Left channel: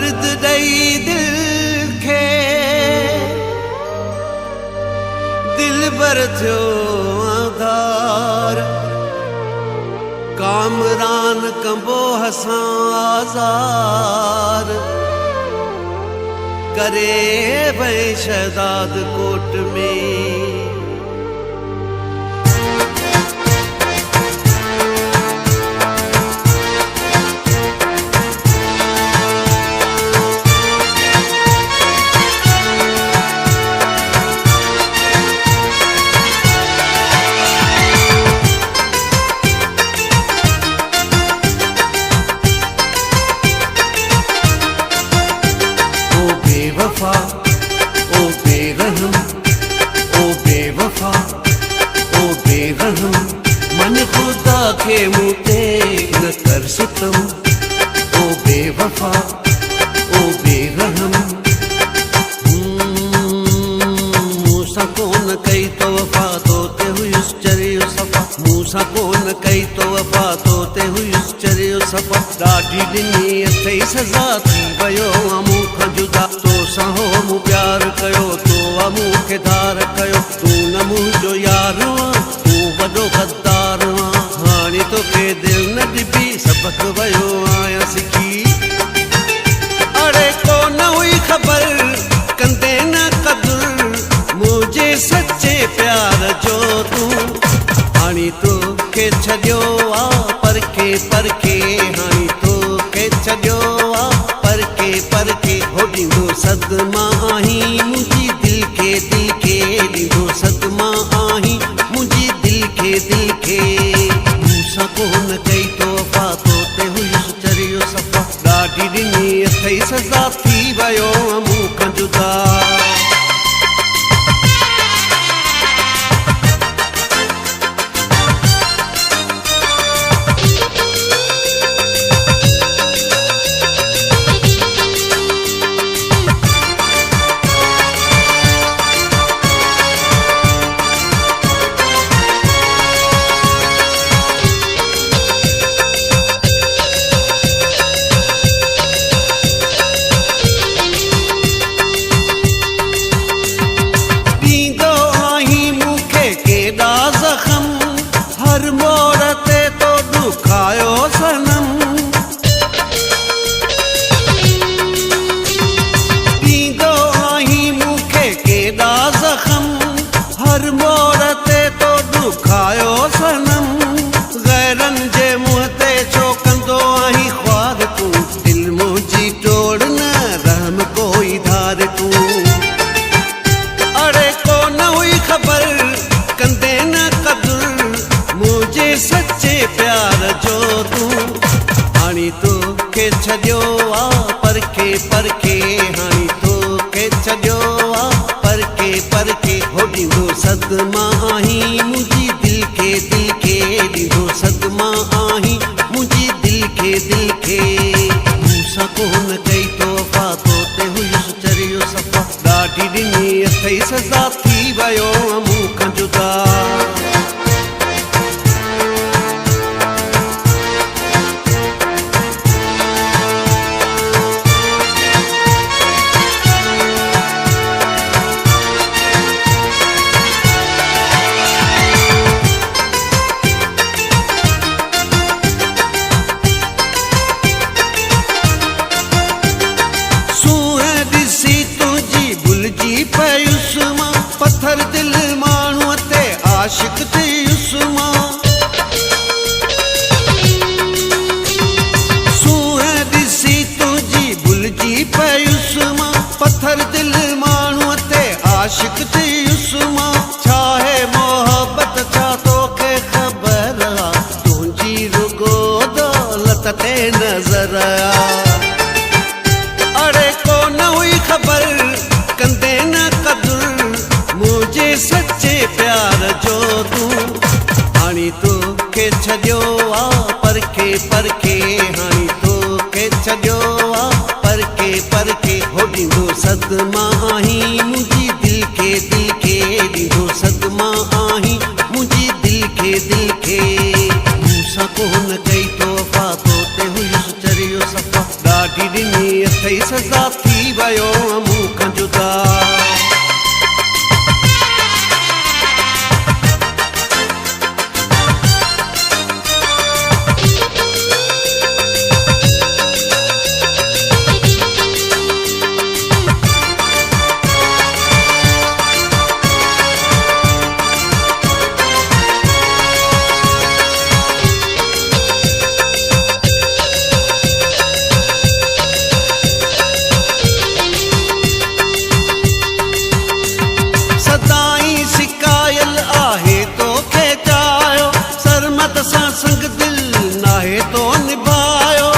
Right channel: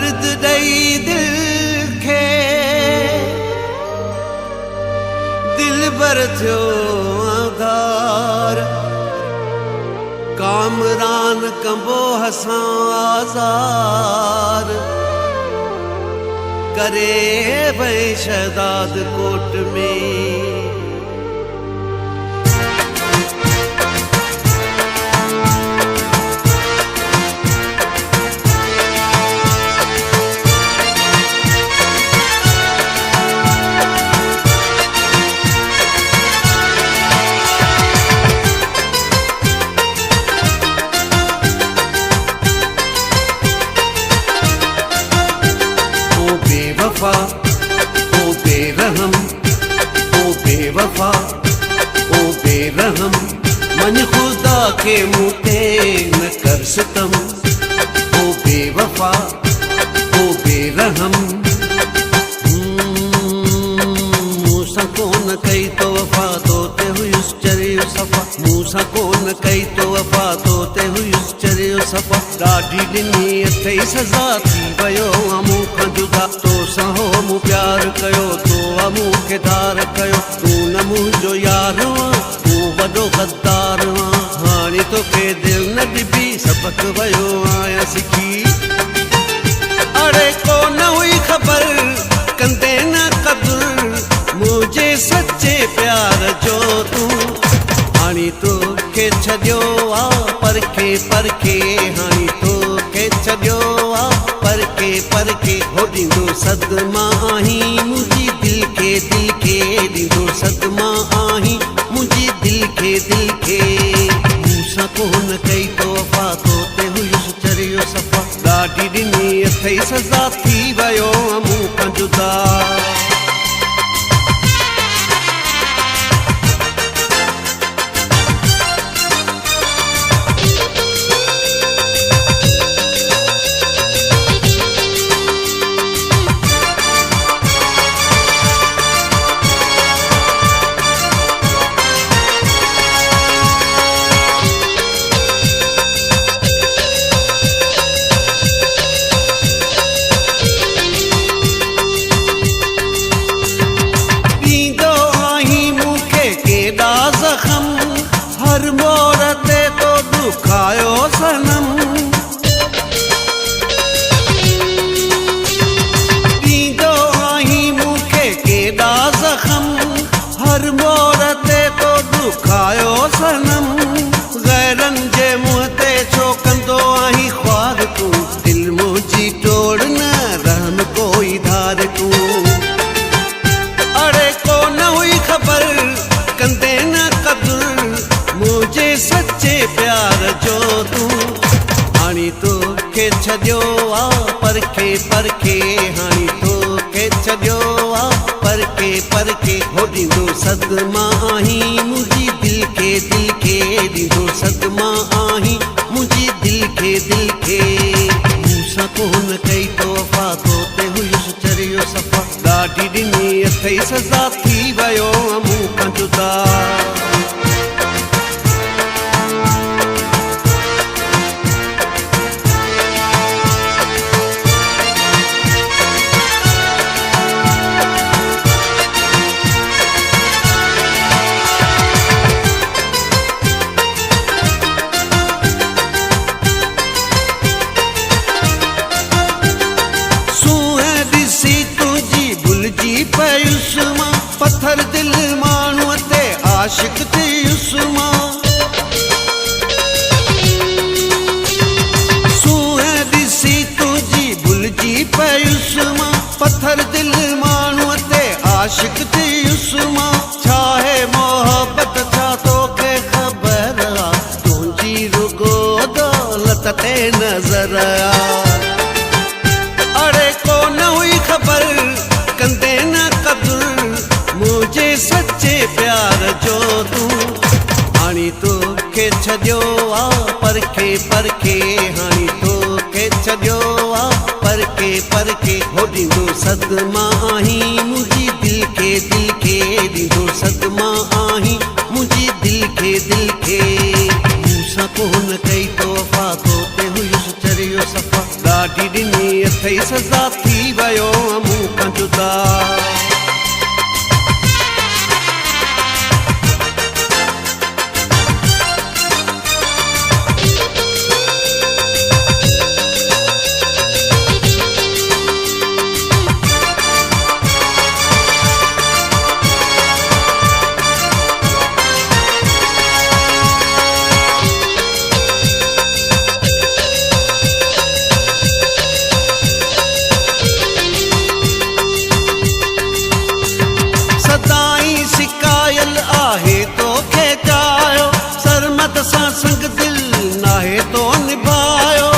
दर्द दई दिल खे दिल बर थियो आधार कामरान कंबो हसां आज़ार करे भई शहदाद कोट में मन खुदा के मुझे न कर सितम ओ बेवफा ओ बेरहम मूसा कौन कई तो वफा तोते हुई उस चरियो सफा मूसा कौन कई तो वफा तोते हुई उस चरियो सफा ॾाढी ॾिनी अथई सज़ा थी वियो मूं खां जुदा तो सां हो मूं प्यार कयो तो मूं खे धार कयो तूं न मुंहिंजो यार वॾो गद्दार हाणे तोखे दिल न ॾिबी सबक वियो आहियां सिखी अड़े को न हुई ख़बर कंदे न क़दुर मुंहिंजे सचे प्यार जो तूं हाणे तोखे छॾियो आहे परखे परखे हाणे तोखे छॾियो आहे परखे हो ॾींदो सदमा आहीं मुंहिंजी दिल खे ॾींदो सदमा आहीं मुंहिंजी दिल खे मूंसां कोन कई तो वफ़ा तोते हुयुसि चरियो सफ़ा ॾाढी ॾिनी अथई सज़ा थी वियो मूं खां जुदा हर मोड़ ते तो दुखायो सनम ॾींदो आहीं मूंखे केॾा ज़ख़म हर मोड़ ते तो दुखायो सनम गैरनि जे मुंहं ते छो कंदो आहीं ख्वार तूं दिल मुंहिंजी टोड़ न रहम कोई धार तूं अड़े को न हुई ख़बर कंदे न क़दुर मुझे सच्चे प्यार जो तूं हाणे तोखे छॾियो आहे परखे हाणे तोखे छॾियो आहे परखे हो ॾींदो सदमा आहीं मुंहिंजी दिल खे ॾींदो सदमा आहीं मुंहिंजी दिल खे मूंसां कोन कई तो वफ़ा तोते हुयुसि चरियो सफ़ा ॾाढी ॾिनी अथई सज़ा थी वियो मूं खां जुदा पयुसि मां पत्थर दिल माण्हूअ ते आशिक़ थियुसि मां सूंहं ॾिसी तुंहिंजी भुलिजी पयुसि मां पत्थर दिल माण्हूअ ते आशिक़ थियुसि मां छा है मोहबत छा तोखे ख़बर आहे तुंहिंजी रुगो दौलत ते नज़र अड़े को न हुई ख़बर कंदे न क़दुर मुझे सच्चे प्यार जो तूं हाणे तोखे छॾियो आहे परखे हाणे तोखे छॾियो आहे परखे हो ॾींदो सदमा आहीं मुंहिंजी दिल खे ॾींदो सदमा आहीं मुंहिंजी दिल खे मूंसां कोन कई तो वफ़ा तोते हुयुसि चरियो सफ़ा ॾाढी ॾिनी अथई सज़ा थी वियो मूं खां जुदा सदाई शिकायल आहे तोखे चाहियो सरमत सां संग दिल नाहे तो निभायो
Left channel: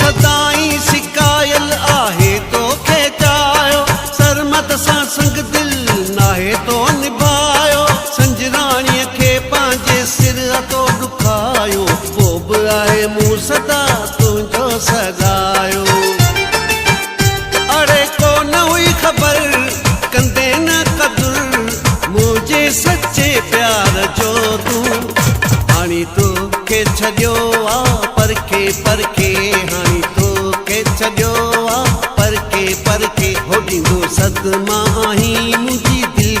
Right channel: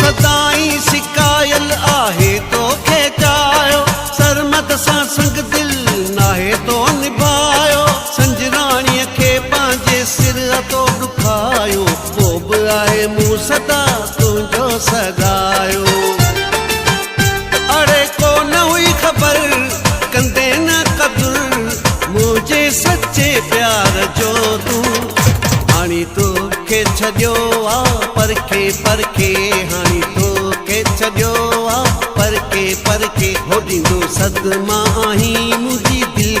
सदाई शिकायल आहे तोखे चाहियो सरमत सां संग दिल नाहे तो निभायो संजराणीअ खे पंहिंजे सिर तो ॾुखायो पोइ बि आहे मूं सदा तुंहिंजो सगायो अड़े को न हुई ख़बर कंदे न क़दुर मुझे सच्चे प्यार जो तूं हाणी तोखे छॾियो आ परखे परखे हाणी तोखे छॾियो आ परखे परखे हो ॾींदो सदमा आहीं मुंहिंजी दिल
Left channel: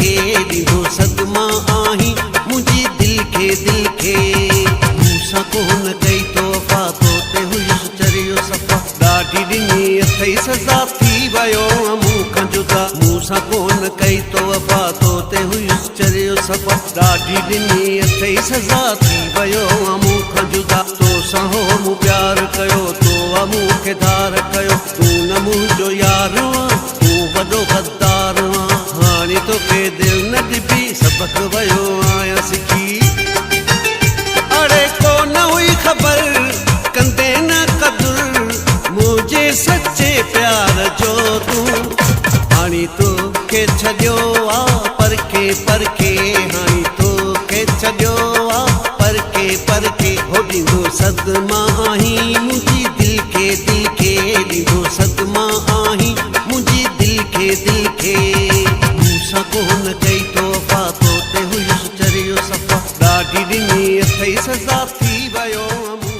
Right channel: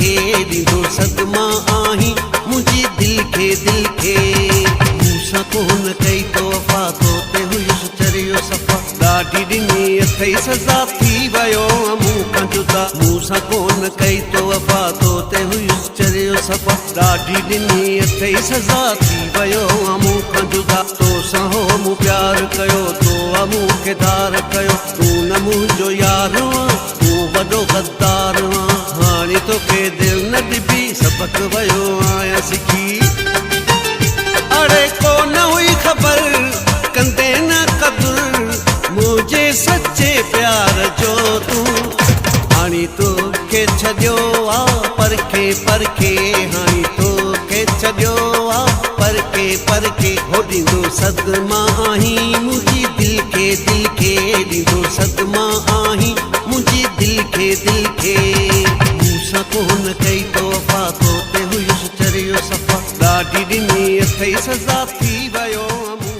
खे ॾींदो सदमा आहीं मुंहिंजी दिल खे मूंसां कोन कई तो वफ़ा तोते हुयुसि चरियो सफ़ा ॾाढी ॾिनी अथई सज़ा थी वियो मूं खां जुदा मूंसां कोन कई तो वफ़ा तोते हुयुसि चरियो सफ़ा ॾाढी ॾिनी अथई सज़ा थी वियो मूं खां जुदा तोसां हो मूं प्यार कयो तो मूंखे धार कयो तूं न मुंहिंजो यार तूं वॾो गद्दार हाणे तोखे दिलि न ॾिबी सबक वियो आहियां सिखी अड़े को न हुई ख़बर कंदे न क़दुर मुझे सच्चे प्यार जो तूं हाणी तोखे छॾियो आ परखे परखे हाणी तोखे छॾियो आ परखे परखे हो ॾींदो सदमा आहीं मुंहिंजी दिल खे ॾींदो सदमा आहीं मुंहिंजी दिल खे मूंसां कोन कई तो वफ़ा तोते हुयुसि चरियो सफ़ा ॾाढी ॾिनी अथई सज़ा थी वियो